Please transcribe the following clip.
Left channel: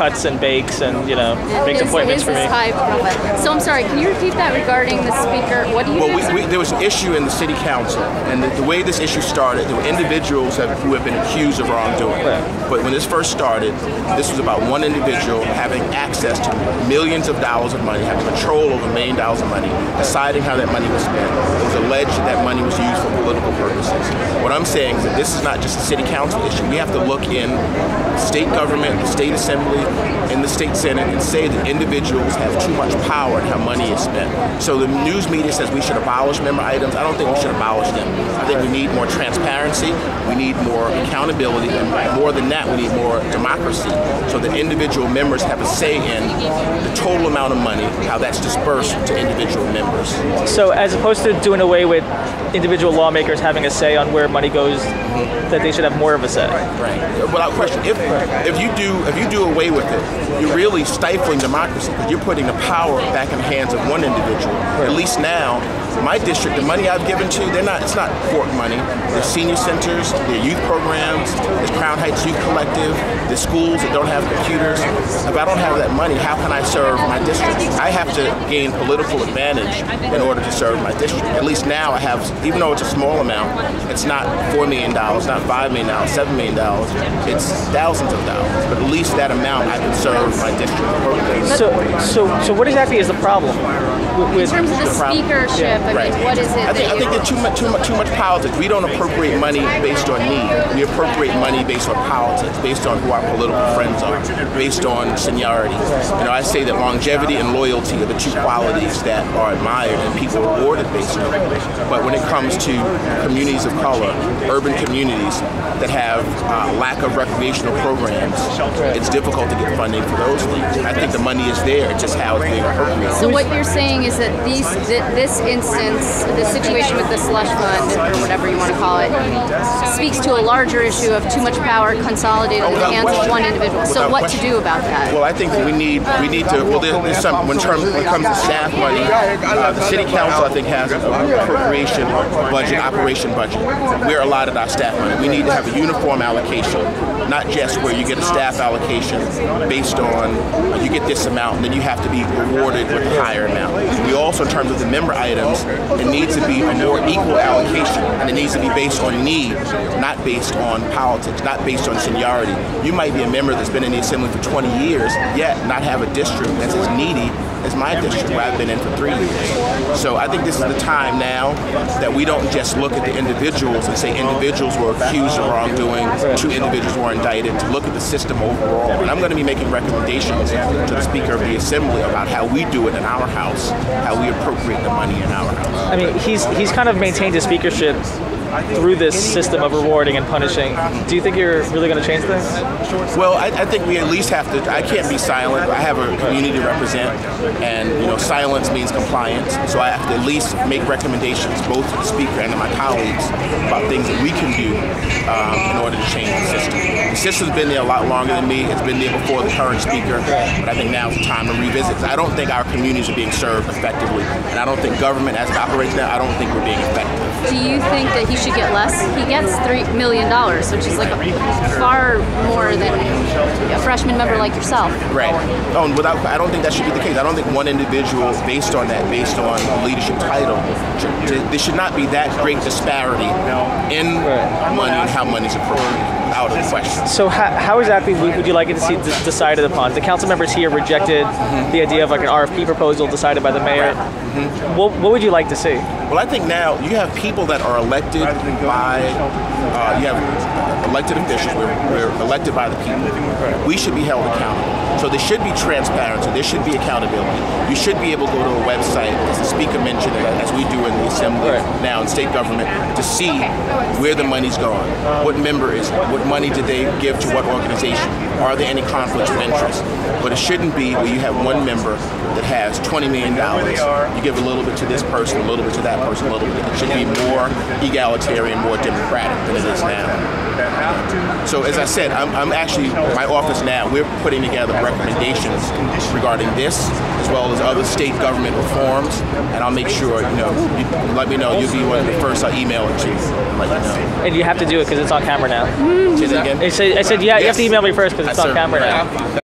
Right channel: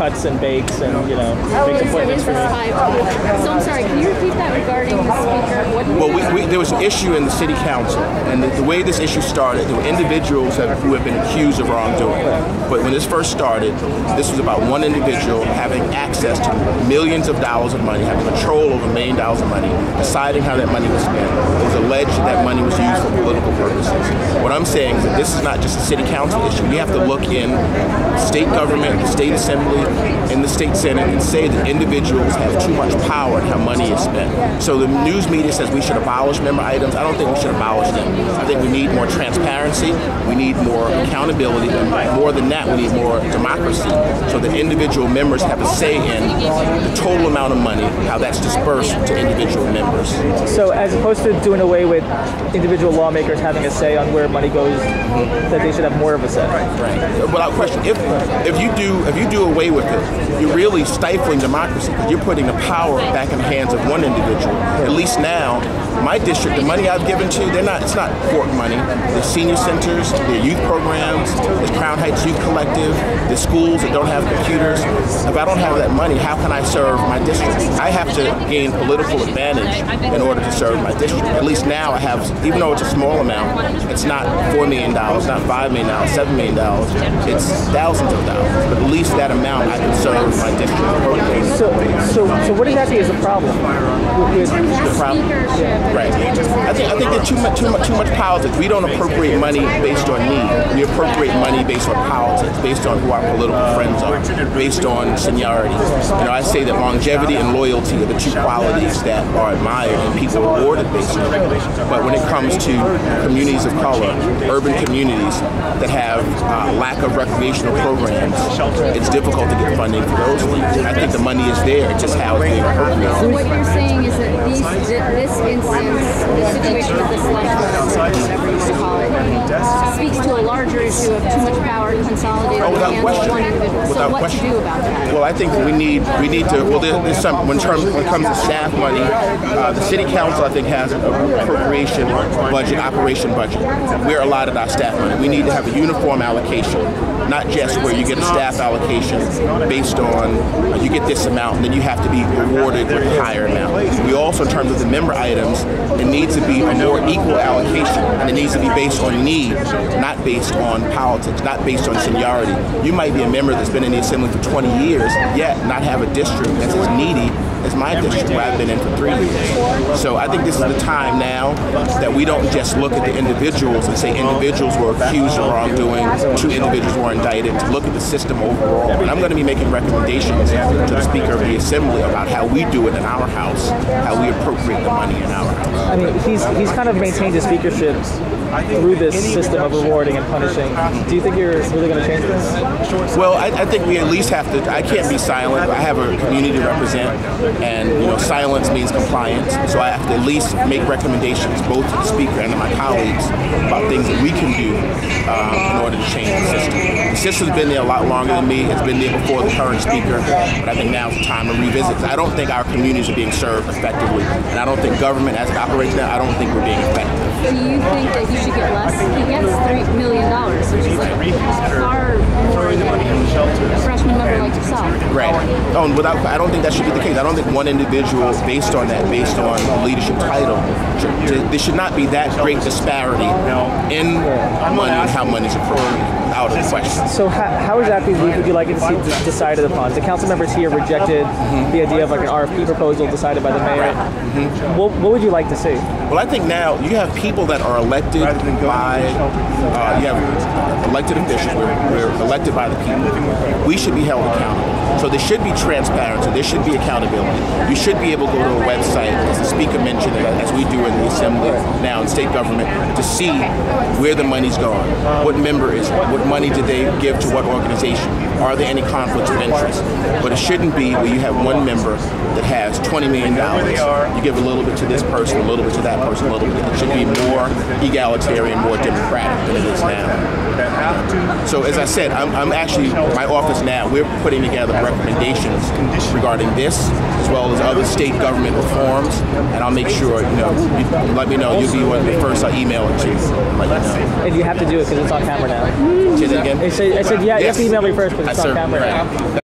cuts and bakes and, you know, makes appointments for me. So I'm sorry, can you repeat that regarding the speaker? What do you there was an issue in the city council, and the way this issue started, there were individuals who have been accused of wrongdoing. But when this first started, this was about one individual having access to millions of dollars of money, having control over $1 million of money, deciding how that money was spent. It was alleged that money was used for political purposes. What I'm saying is that this is not just a city council issue. We have to look in state government, the state assembly, and the state senate and say that individuals have too much power in how money is spent. So the news media says we should abolish member items. I don't think we should abolish them. I think we need more transparency, we need more accountability, and more than that, we need more democracy so that individual members have a say in the total amount of money, how that's dispersed to individual members. So as opposed to doing away with individual lawmakers having a say on where money goes, that they should have more of a say. Right. Without question, if you do away with it, you're really stifling democracy because you're putting the power back in the hands of one individual. At least now, my district, the money I've given to, it's not court money. There's senior centers, there's youth programs, there's Crown Heights Youth Collective, there's schools that don't have computers. If I don't have that money, how can I serve my district? I have to gain political advantage in order to serve my district. At least now I have, even though it's a small amount, it's not $4 million, not $5 million, $7 million, it's thousands of dollars. But at least that amount I can serve my district appropriately. So what exactly is the problem? In terms of the speakership, right. What is it? I think there's too much politics. We don't appropriate money based on need. We appropriate money based on politics, based on who our political friends are, based on seniority. You know, I say that longevity and loyalty are the two qualities that are admired and people rewarded based on it. But when it comes to communities of color, urban communities that have lack of recreational programs, it's difficult to get funding for those things. I think the money is there, it's just how it's being appropriated. So what you're saying is that this instance, the situation with the slush fund, or whatever you want to call it, speaks to a larger issue of too much power consolidated in the hands of one individual. So what to do about that? Well, I think we need to. Well, there's some when it comes to staff money, the city council I think has an appropriation budget, operation budget. We're allotted our staff money. We need to have a uniform allocation, not just where you get a staff allocation based on you get this amount and then you have to be rewarded with a higher amount. We also, in terms of the member items, it needs to be a more equal allocation, and it needs to be based on need, not based on politics, not based on seniority. You might be a member that's been in the assembly for 20 years, yet not have a district that's as needy as my district, where I've been in for 3 years. So I think this is the time now that we don't just look at the individuals and say individuals were accused of wrongdoing, 2 individuals were indicted, to look at the system overall. And I'm going to be making recommendations to the Speaker of the Assembly about how we do it in our house, how we appropriate the money in our house. I mean, he's kind of maintained his speakership through this system of rewarding and punishing. Do you think you're really going to change this? Well, I think we at least have to. I can't be silent. I have a community to represent, and silence means compliance. So I have to at least make recommendations, both to the Speaker and to my colleagues, about things that we can do in order to change the system. The system's been there a lot longer than me. It's been there before the current Speaker, but I think now's the time to revisit. I don't think our communities are being served effectively, and I don't think government, as it operates now, I don't think we're being effective. Do you think that he should get less? He gets $3 million, which is like far more than a freshman member like yourself. Right. Oh, and I don't think that should be the case. I don't think one individual, based on the leadership title, there should not be that great disparity in money and how money's appropriated. Out of question. So how exactly would you like it to see decided upon? The council members here rejected the idea of like an RFP proposal decided by the mayor. What would you like to see? Well, I think now you have people that are elected by, you have elected officials, we're elected by the people. We should be held accountable. So there should be transparency, there should be accountability. You should be able to go to a website, as the Speaker mentioned, as we do in the Assembly now in state government, to see where the money's going, what member is it, what money did they give to what organization, are there any conflicts of interest. But it shouldn't be where you have one member that has $20 million, you give a little bit to this person, a little bit to that person, a little bit. It should be more egalitarian, more democratic than it is now. So as I said, I'm actually, my office now, we're putting together recommendations regarding this, as well as other state government reforms, and I'll make sure, you let me know, you'll be one of the first I email it to, and let you know. And you have to do it because it's on camera now. Say that again? I said, yeah, you have to email me first because it's on camera now.